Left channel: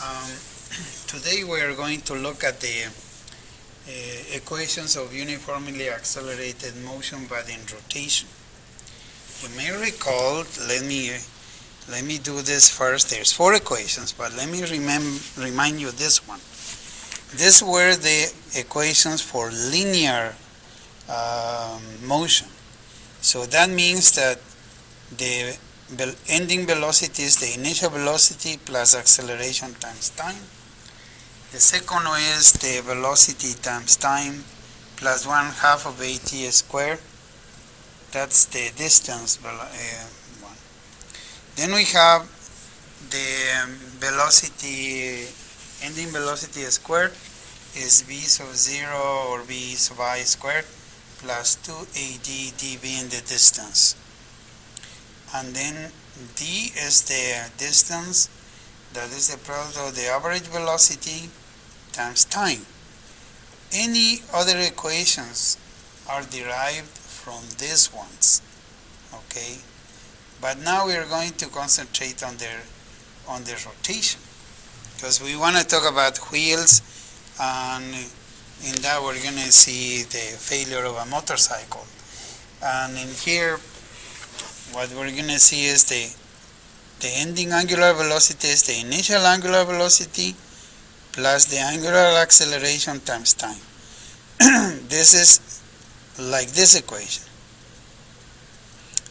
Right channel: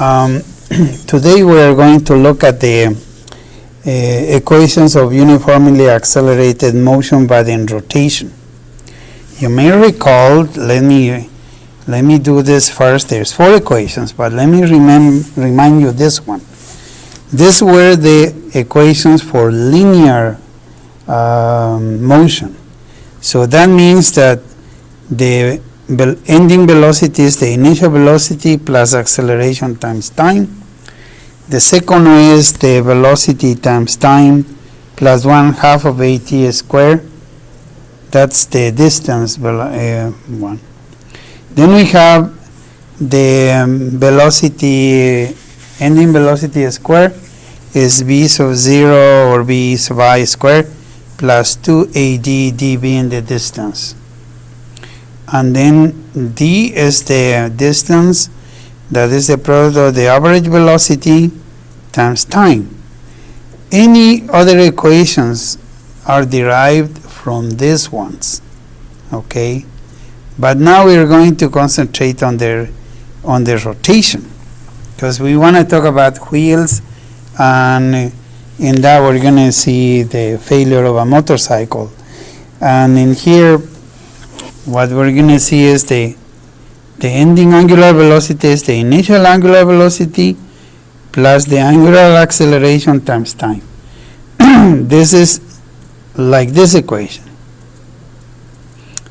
Um, Today we are going to look at the equations of uniformly accelerated motion but in rotation. You may recall, let me do this first. There's 4 equations, but let me remind you this one. These were the equations for linear motion. So that means that the ending velocity is the initial velocity plus acceleration times time. The second one is the velocity times time plus 1/2 of at squared. That's the distance one. Then we have the velocity, ending velocity squared is v sub 0 or v sub I squared plus 2ad dv in the distance. And then d is the distance, that is the product of the average velocity times time. Any other equations are derived from these ones, okay? But now we are going to concentrate on their rotation, because we want to talk about wheels, and in that we're going to see the failure of a motorcycle. And in here, what we're going to see is the ending angular velocity is the initial angular velocity plus the angular acceleration times time. This is like this equation.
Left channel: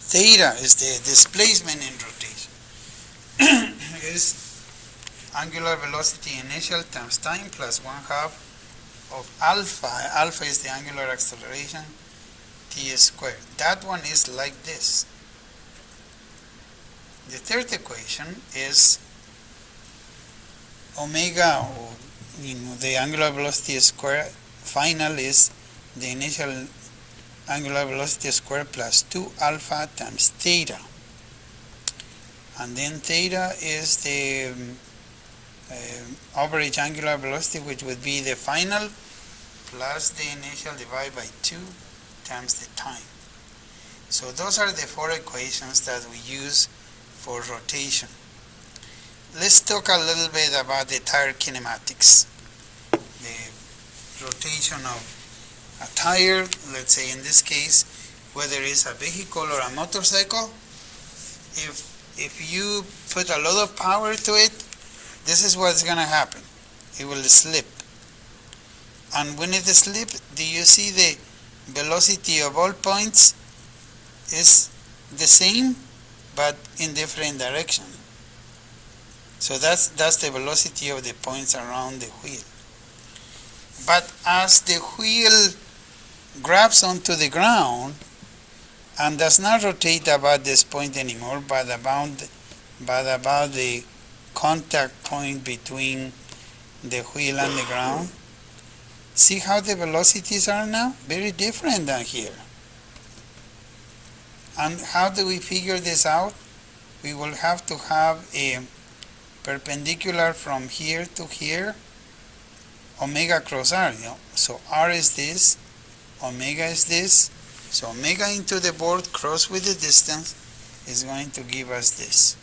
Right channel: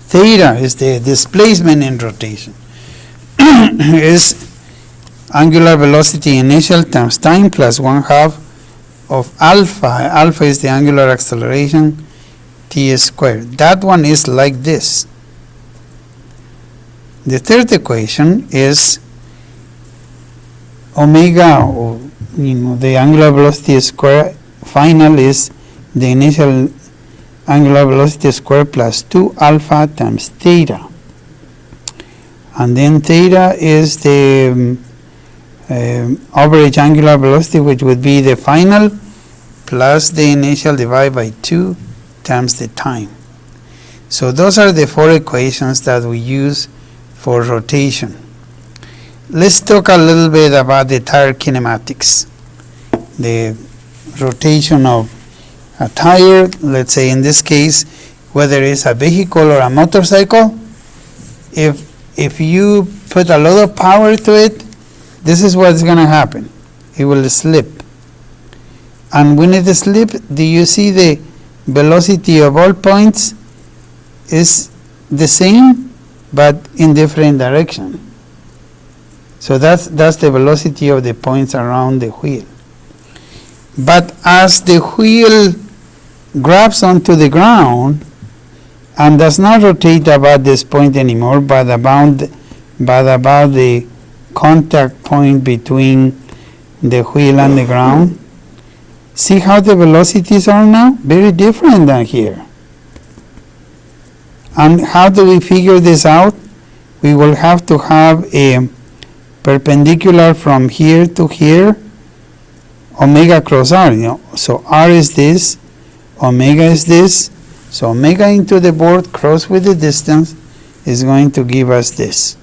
Theta is the displacement in rotation. Is angular velocity initial times time plus 1/2 of alpha. Alpha is the angular acceleration, t squared. That one is like this. The third equation is omega, or the angular velocity square final is the initial angular velocity square plus 2 alpha times theta. And then theta is the average angular velocity, which would be the final plus the initial divided by 2 times the time. So those are the 4 equations that we use for rotation. Let's talk a little bit about the tire kinematics. The rotation of a tire, let's say in this case, whether it's a vehicle or a motorcycle, if you put a lot of power to it, this is what's going to happen. It will slip. And when it slips, do you see the velocity of all points is the same but in different direction? So that's the velocity of the points around the wheel. But as the wheel grabs onto the ground and does not rotate about this point anymore, but about the contact point between the wheel and the ground, see how the velocities are now? Very different than here. And how do we figure this out? We will have to have a perpendicular from here to here, omega cross r. So r is this, omega is this. So omega into the board cross with the distance is going to give us this.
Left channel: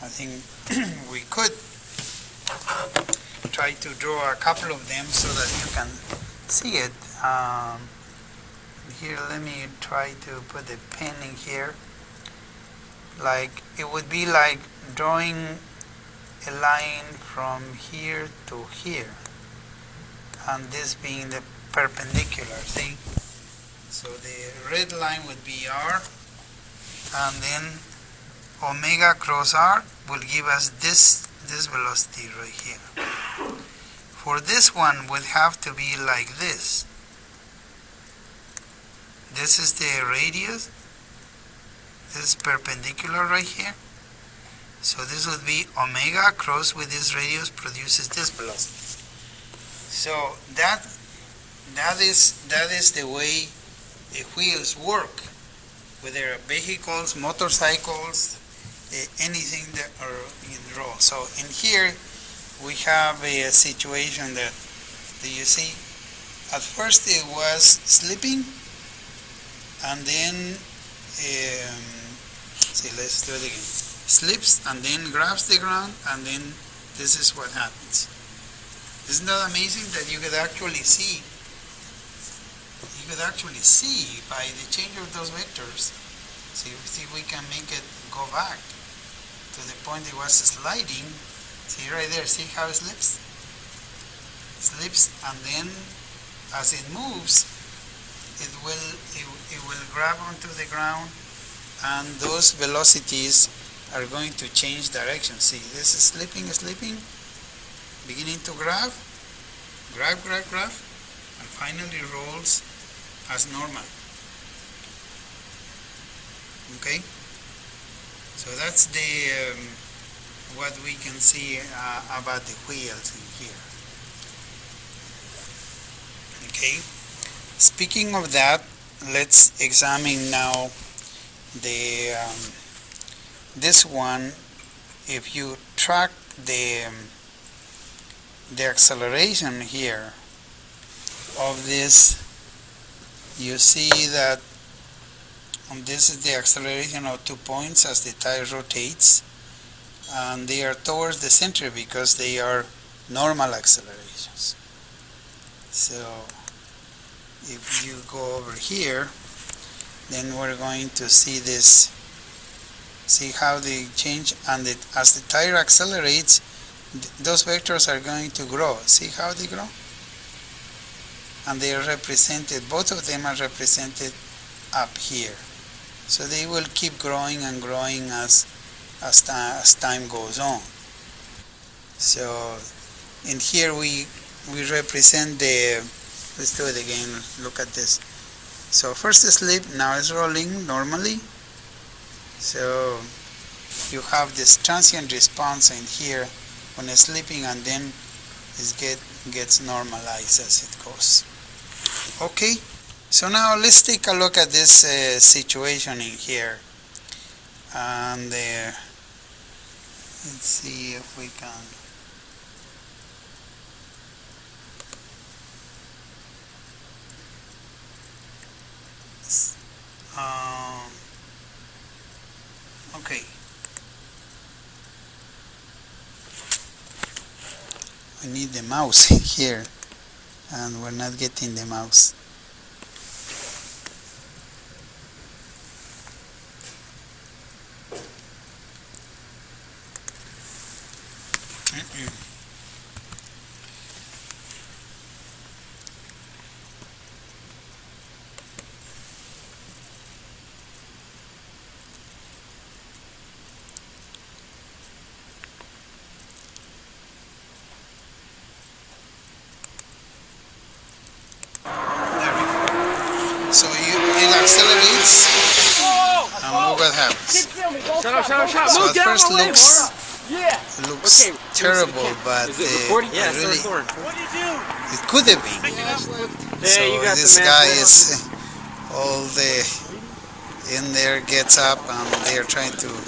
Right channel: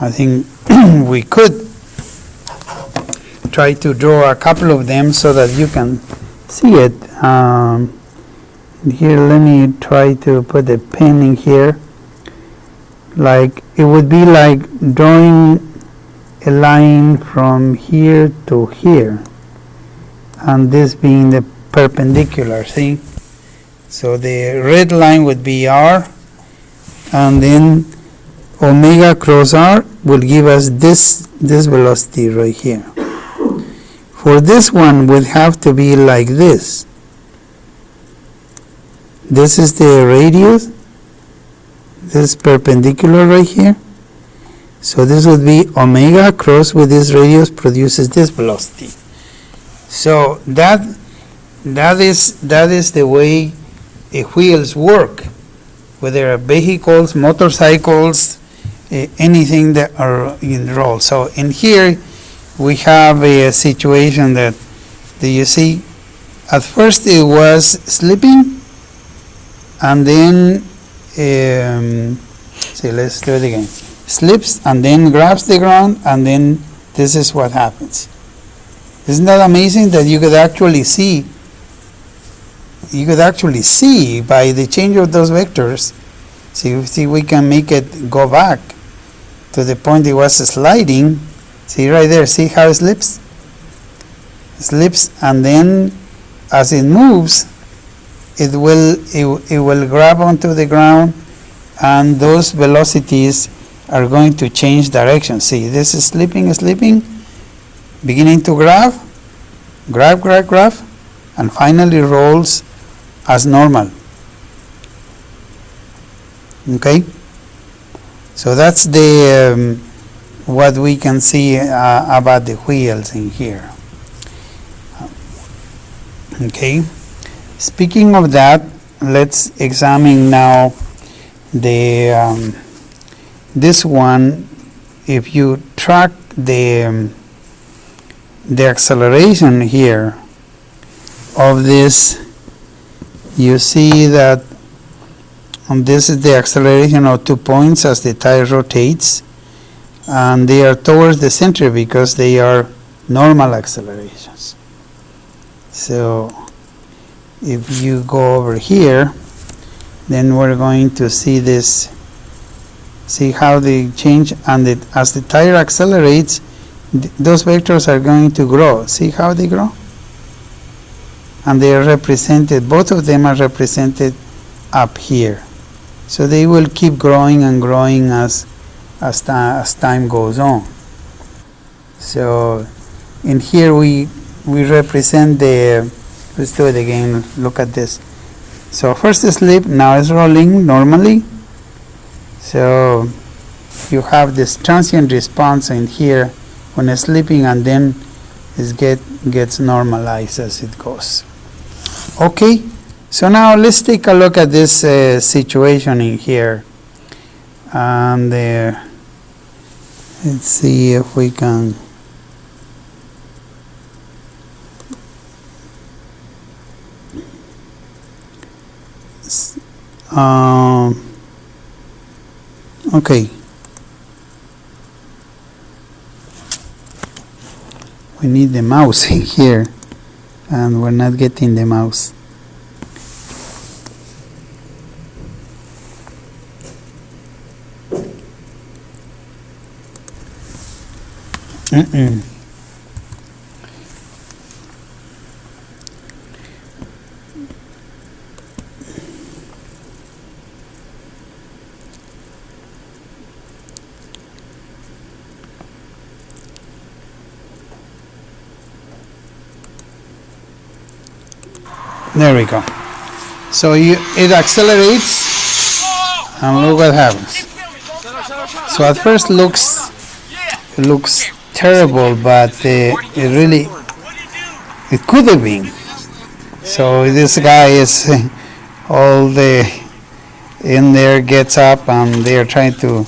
I think we could try to draw a couple of them so that you can see it. Here, let me try to put a pen in here. Like, it would be like drawing a line from here to here, and this being the perpendicular, see? So the red line would be r, and then omega cross r will give us this velocity right here. For this one would have to be like this. This is the radius, this perpendicular right here. So this would be omega cross with this radius produces this velocity. So that is the way wheels work, whether vehicles, motorcycles, anything that are in roll. So in here we have a situation that, do you see, at first it was slipping, and then see, let's do it again. Slips and then grabs the ground, and then this is what happens. Isn't that amazing that you could actually see by the change of those vectors? See, we can make it go back to the point it was sliding. See right there, see how it slips? It slips, and then as it moves, it will grab onto the ground, and those velocities are going to change direction. See, this is slipping, beginning to grab, and finally rolls as normal. Okay, so that's the what we can see about the wheels in here. Okay, speaking of that, let's examine now the this one. If you track the acceleration here of this, you see that this is the acceleration of 2 points as the tire rotates, and they are towards the center because they are normal accelerations. So if you go over here, then we're going to see this, see how they change, and as the tire accelerates, those vectors are going to grow. See how they grow? And they are represented, both of them are represented up here. So they will keep growing and growing as time goes on. So in here we represent the, let's do it again, look at this. So first slip, now it's rolling normally. So you have this transient response in here when it's slipping, and then it gets normalized as it goes. Okay, so now let's take a look at this situation in here. And let's see if we can okay, we need the mouse in here, and we're not getting the mouse. There we go. So it accelerates, and look what happens. So at first it looks terrible, but it could have been. So this guy is in there, gets up, and they are trying to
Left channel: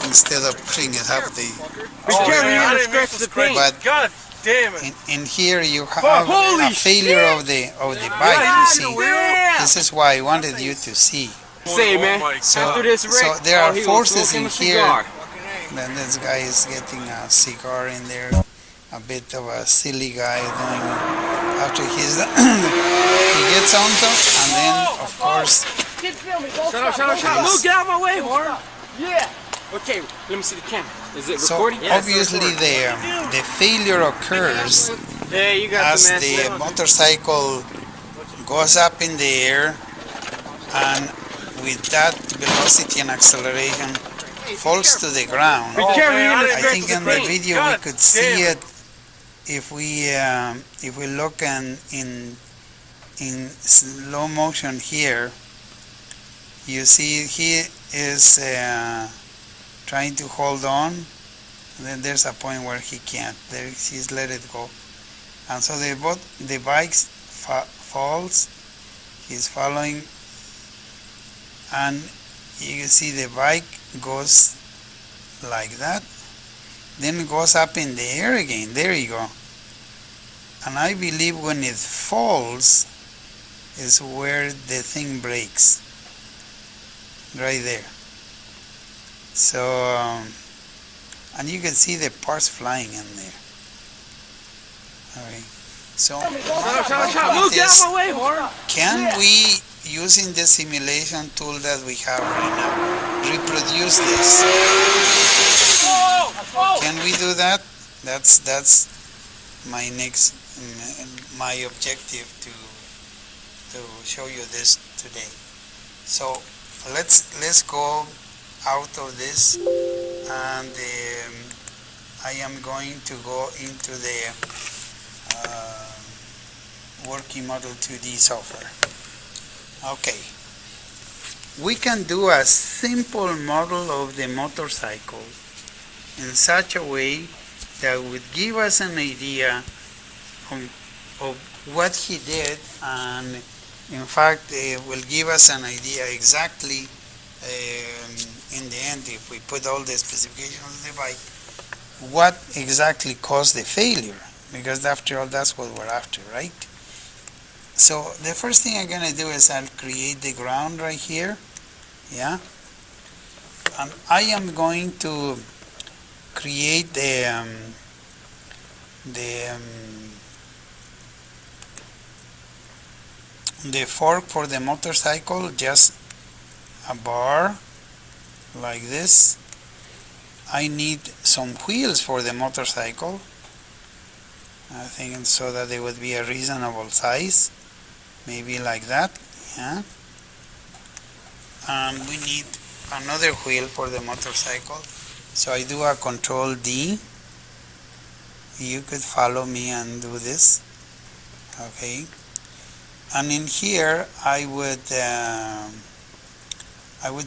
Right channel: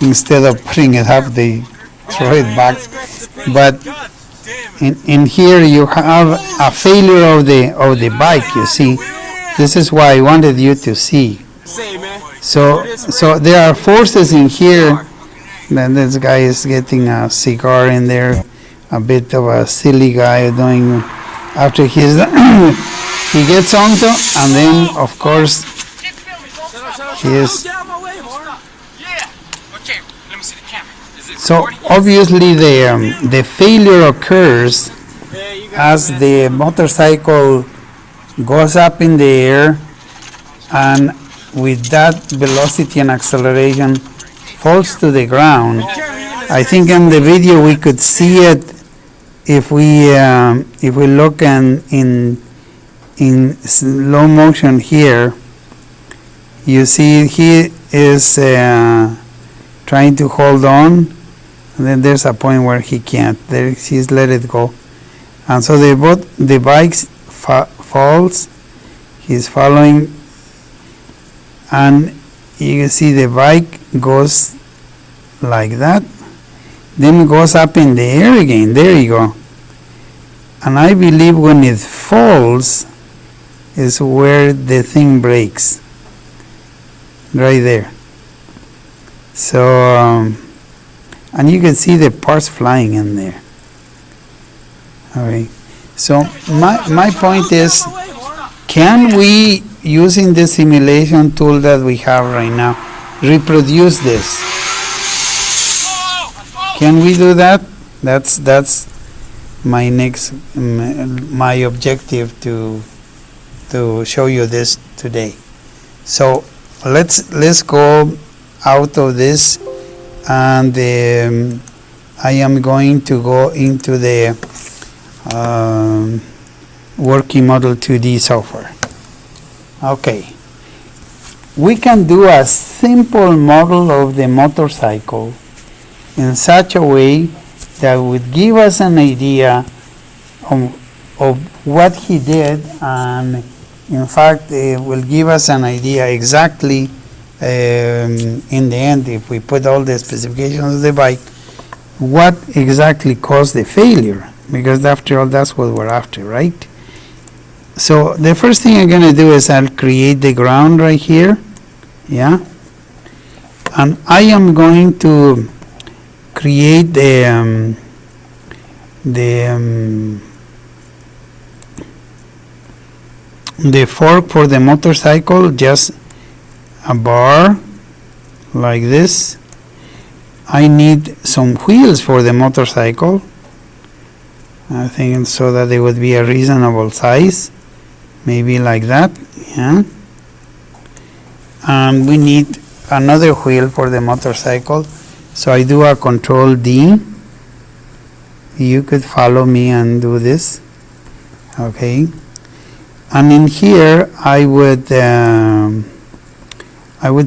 instead of putting it up, they throw it back. But in here you have a failure of the bike. You see, this is why I wanted you to see. So there are forces in here. Then this guy is getting a cigar in there, a bit of a silly guy doing after he's he gets onto, and then of course he is. Okay, let me see the camera. So obviously the failure occurs as the motorcycle goes up in the air, and with that velocity and acceleration falls to the ground. I think in the video we could see it if we look in slow motion here. You see he is trying to hold on, and then there's a point where he can't. There he's let it go, and so the bike falls. He's following, and you can see the bike goes like that, then it goes up in the air again. There you go. And I believe when it falls is where the thing breaks, right there. So And you can see the parts flying in there. All right. So my point is, can we, using the simulation tool that we have right now, reproduce this? Can we do that? That's my next, my objective to show you this today. So let's go out of this, and I am going to go into the working model 2D software. Okay, we can do a simple model of the motorcycle in such a way that would give us an idea of what he did, and in fact will give us an idea exactly in the end, if we put all the specifications of the bike, what exactly caused the failure, because after all that's what we're after, right? So the first thing I'm going to do is I'll create the ground right here, yeah, and I am going to create the fork for the motorcycle, just a bar like this. I need some wheels for the motorcycle, I think, so that they would be a reasonable size, maybe like that, yeah. And we need another wheel for the motorcycle, so I do a Control D. You could follow me and do this, okay. And in here I would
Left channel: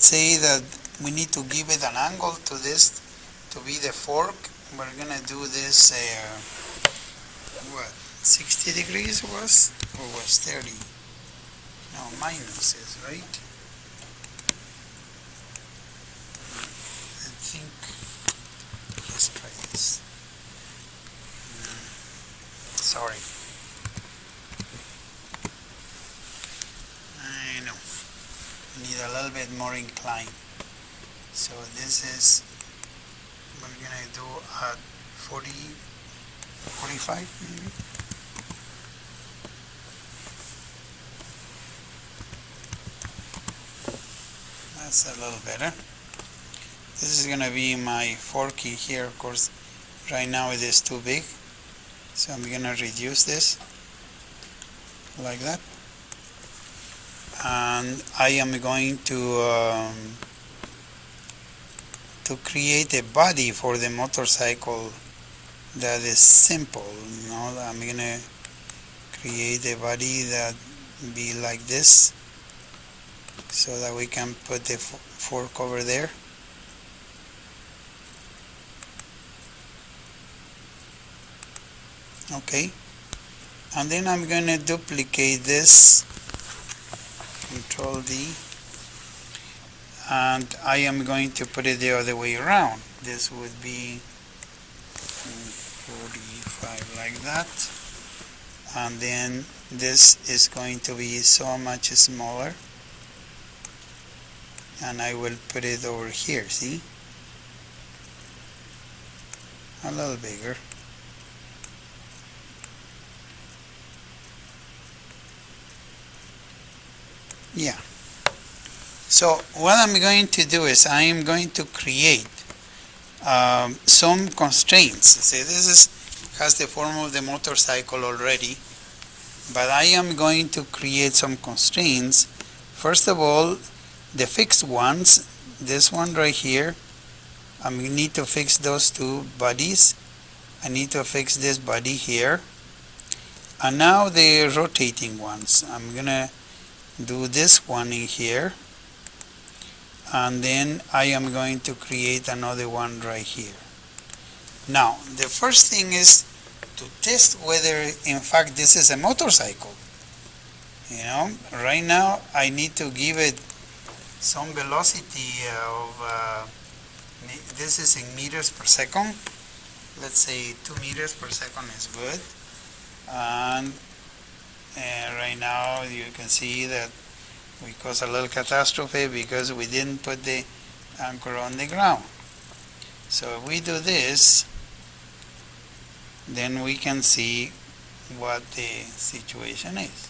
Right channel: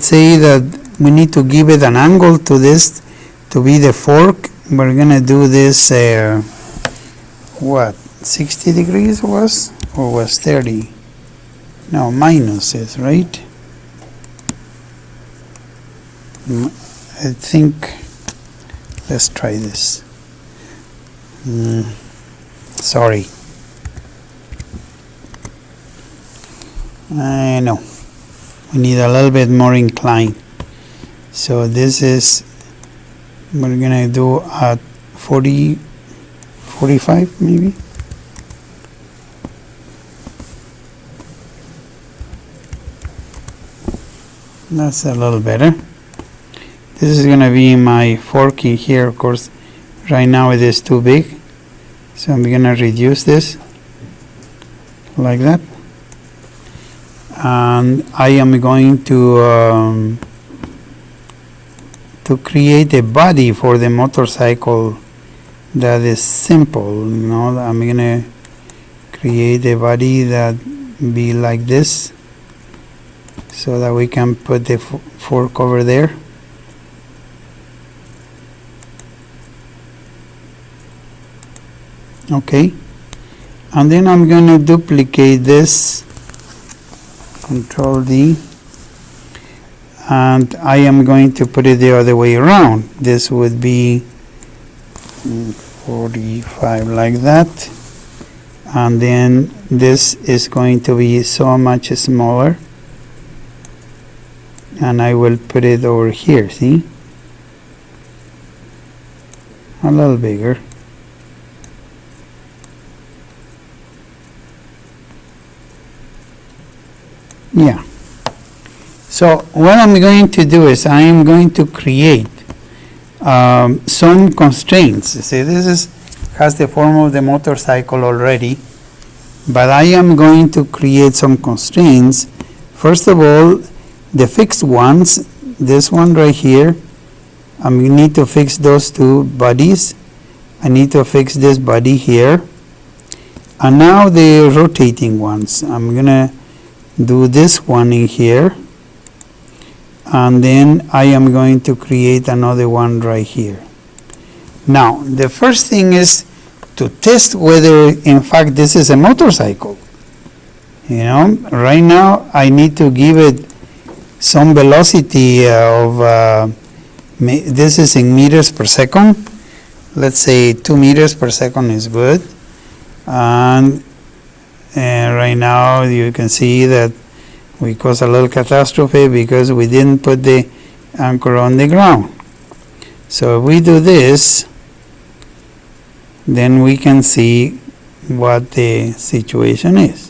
say that we need to give it an angle to this to be the fork. We're gonna do this what, 60 degrees was, or was 30? No, minus is right. I think, let's try this. Sorry. No, we need a little bit more incline. So this is, we're gonna do at 40, 45 maybe. That's a little better. This is gonna be my fork in here. Of course, right now it is too big, so I'm gonna reduce this like that. And I am going to create a body for the motorcycle that is simple. You know, I'm gonna create a body that be like this, so that we can put the fork over there. Okay, and then I'm gonna duplicate this, Control D, and I am going to put it the other way around. This would be 45 like that, and then this is going to be so much smaller, and I will put it over here, see, a little bigger. Yeah. So what I'm going to do is I am going to create some constraints. See, this has the form of the motorcycle already, but I am going to create some constraints. First of all, the fixed ones, this one right here, I need to fix those two bodies. I need to fix this body here. And now the rotating ones, I'm gonna do this one in here, and then I am going to create another one right here. Now the first thing is to test whether in fact this is a motorcycle. You know, right now I need to give it some velocity of this is in meters per second. Let's say 2 meters per second is good, and right now you can see that we caused a little catastrophe because we didn't put the anchor on the ground. So if we do this, then we can see what the situation is.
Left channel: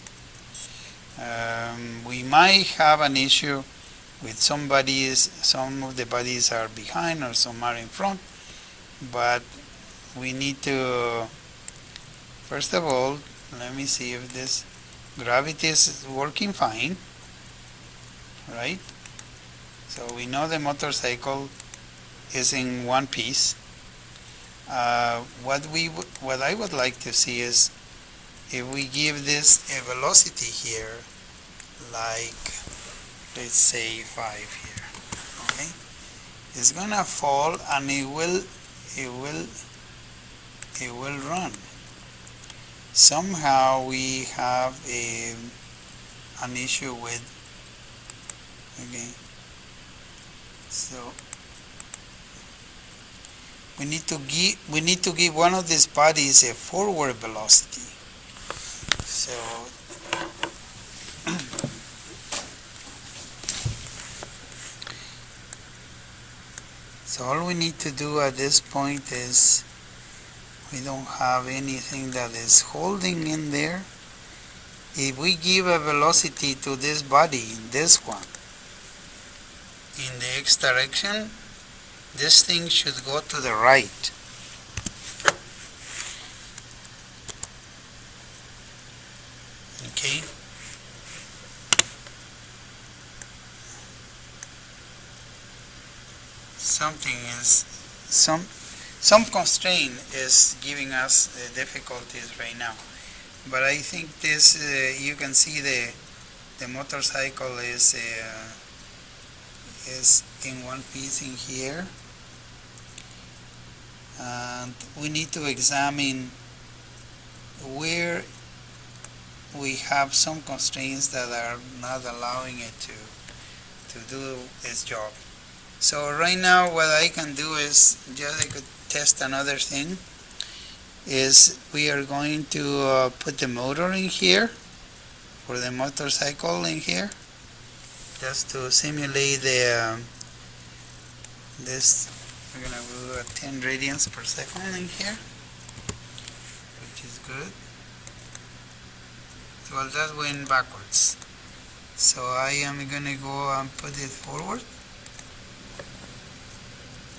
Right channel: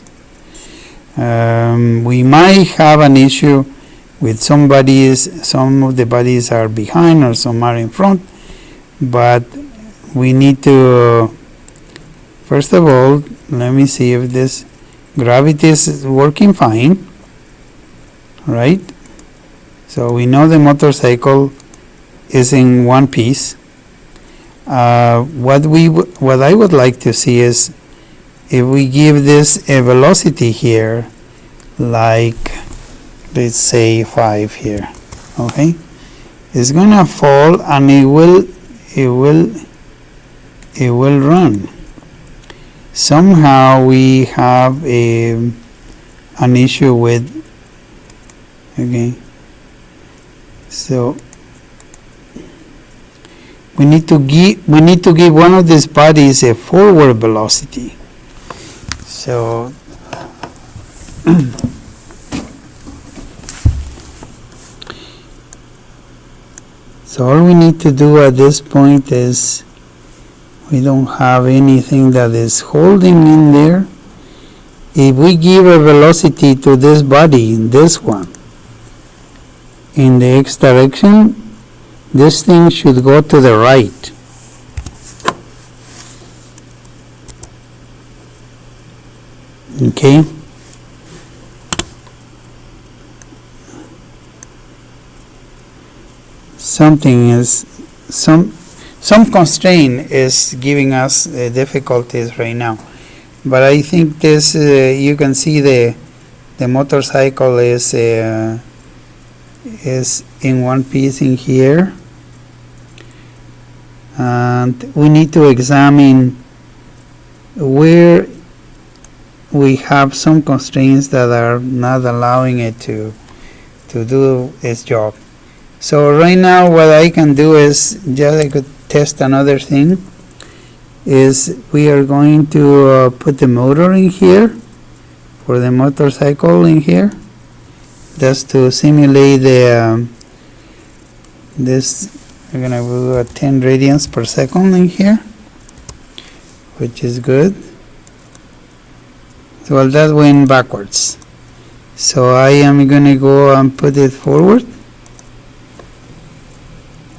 We might have an issue with some of the bodies are behind or some are in front, but we need to, first of all, let me see if this gravity is working fine, right? So we know the motorcycle is in one piece. What I would like to see is if we give this a velocity here, like let's say 5 here, okay? It's gonna fall and it will run. Somehow we have an issue with, okay, so we need to give one of these bodies a forward velocity. So so all we need to do at this point is, we don't have anything that is holding in there. If we give a velocity to this body, this one, in the x direction, this thing should go to the right. Okay? Some constraint is giving us difficulties right now. But I think this, you can see the motorcycle is in one piece in here. And we need to examine where we have some constraints that are not allowing it to do its job. So right now what I can do is, just I could test another thing, is we are going to put the motor in here, for the motorcycle in here, just to simulate the this. We're gonna do 10 radians per second in here, which is good. Well, that went backwards. So I am gonna go and put it forward.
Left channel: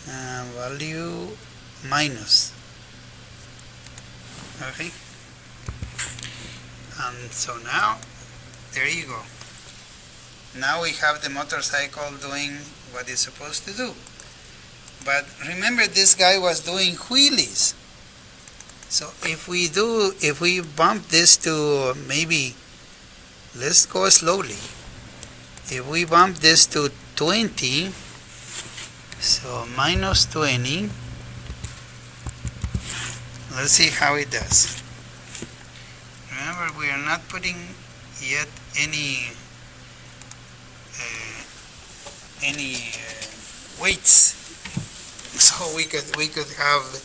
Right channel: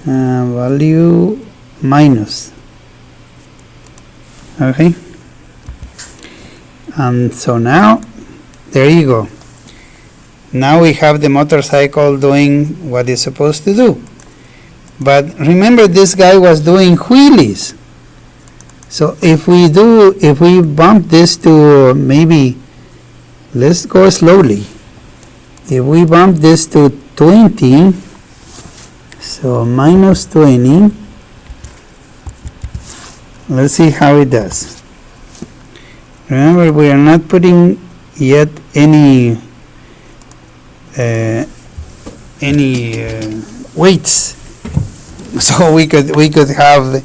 Value minus. Okay. And so now, there you go. Now we have the motorcycle doing what it's supposed to do. But remember, this guy was doing wheelies. So if we bump this to maybe, let's go slowly. If we bump this to 20, so minus 20, let's see how it does. Remember, we are not putting yet any weights, so we could have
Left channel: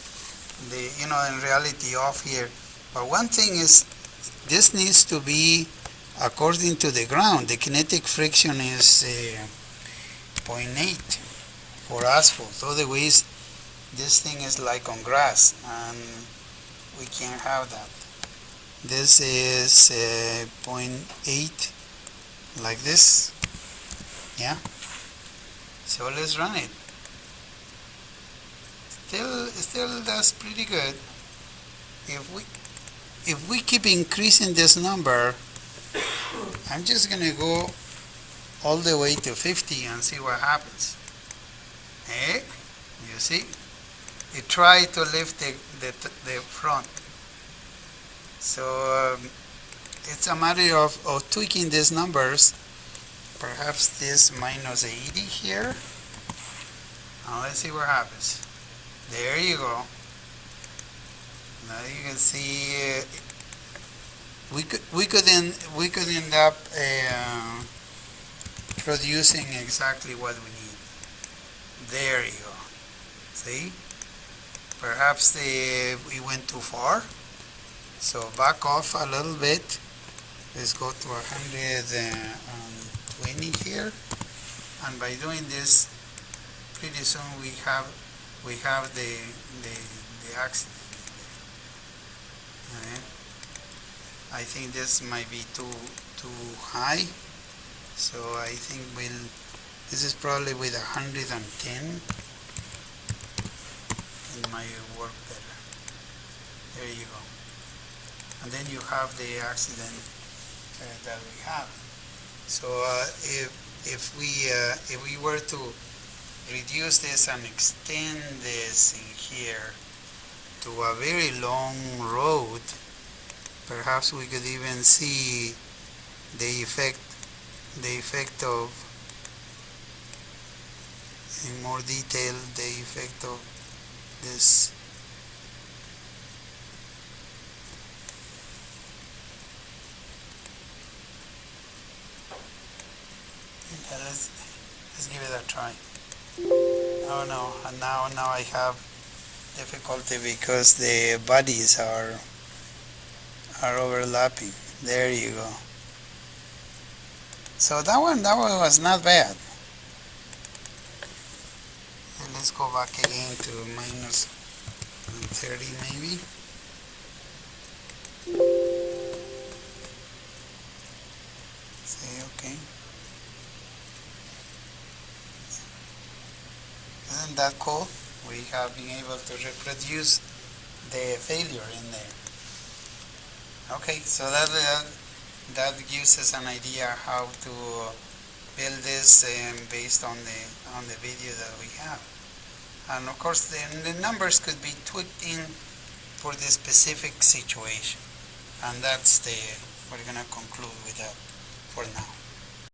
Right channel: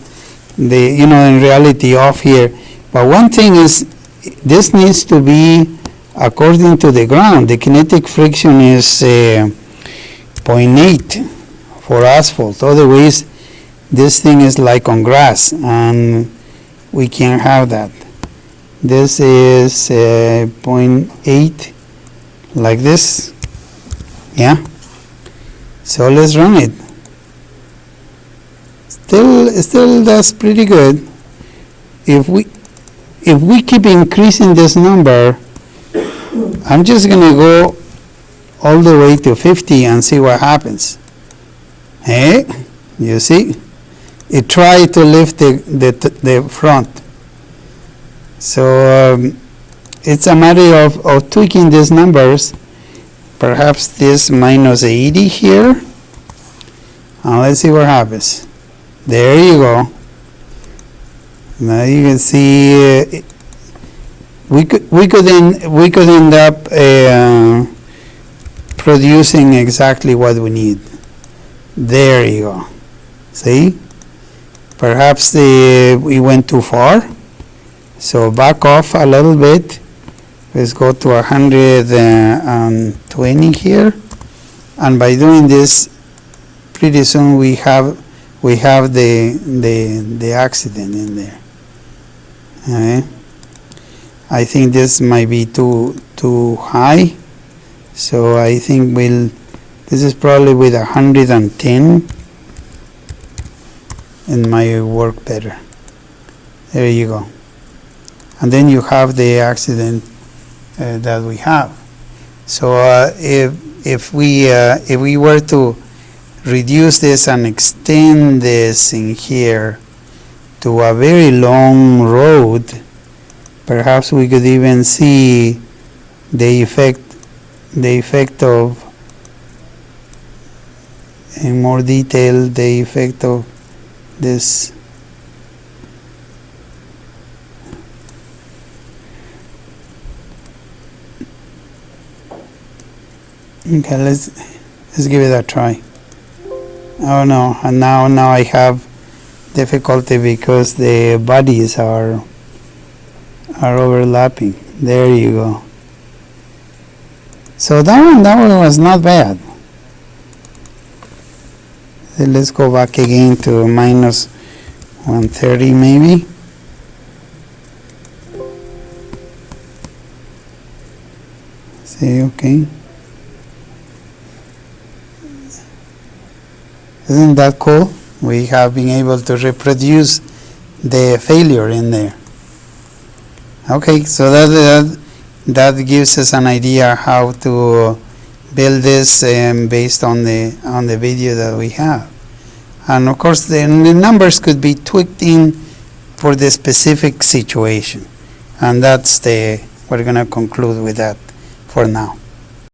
the in reality off here. But one thing is, this needs to be according to the ground. The kinetic friction is 0.8 for asphalt. Otherwise, this thing is like on grass, and we can't have that. This is 0.8, like this. Yeah. So let's run it. Still that's pretty good. If we keep increasing this number, I'm just gonna go all the way to 50 and see what happens. Hey, you see, it tried to lift the front. So it's a matter of tweaking these numbers. Perhaps this minus 80 here, and let's see what happens. There you go. Now you can see we could end up producing exactly what we need. There you go. See? Perhaps we went too far. So back off a little bit. Let's go to 120 here. And by doing this, pretty soon we have we have the accident in there. Okay. I think this might be too high, so I think this is probably with 110, and might work better. There you go. And then you have the accident that we have. So if we were to reduce this and extend this in here to a very long road, perhaps we could even see the effect of, in more detail, the effect of this. Okay, let's give it a try. Oh no, and now I have difficulty because the bodies are overlapping. There you go. So that one was not bad. Let's go back again to minus 130 maybe. See, okay. Isn't that cool? We have been able to reproduce the failure in there. Okay, so that gives us an idea how to build this based on the video that we have. And of course the numbers could be tweaked in for the specific situation. And we're going to conclude with that for now.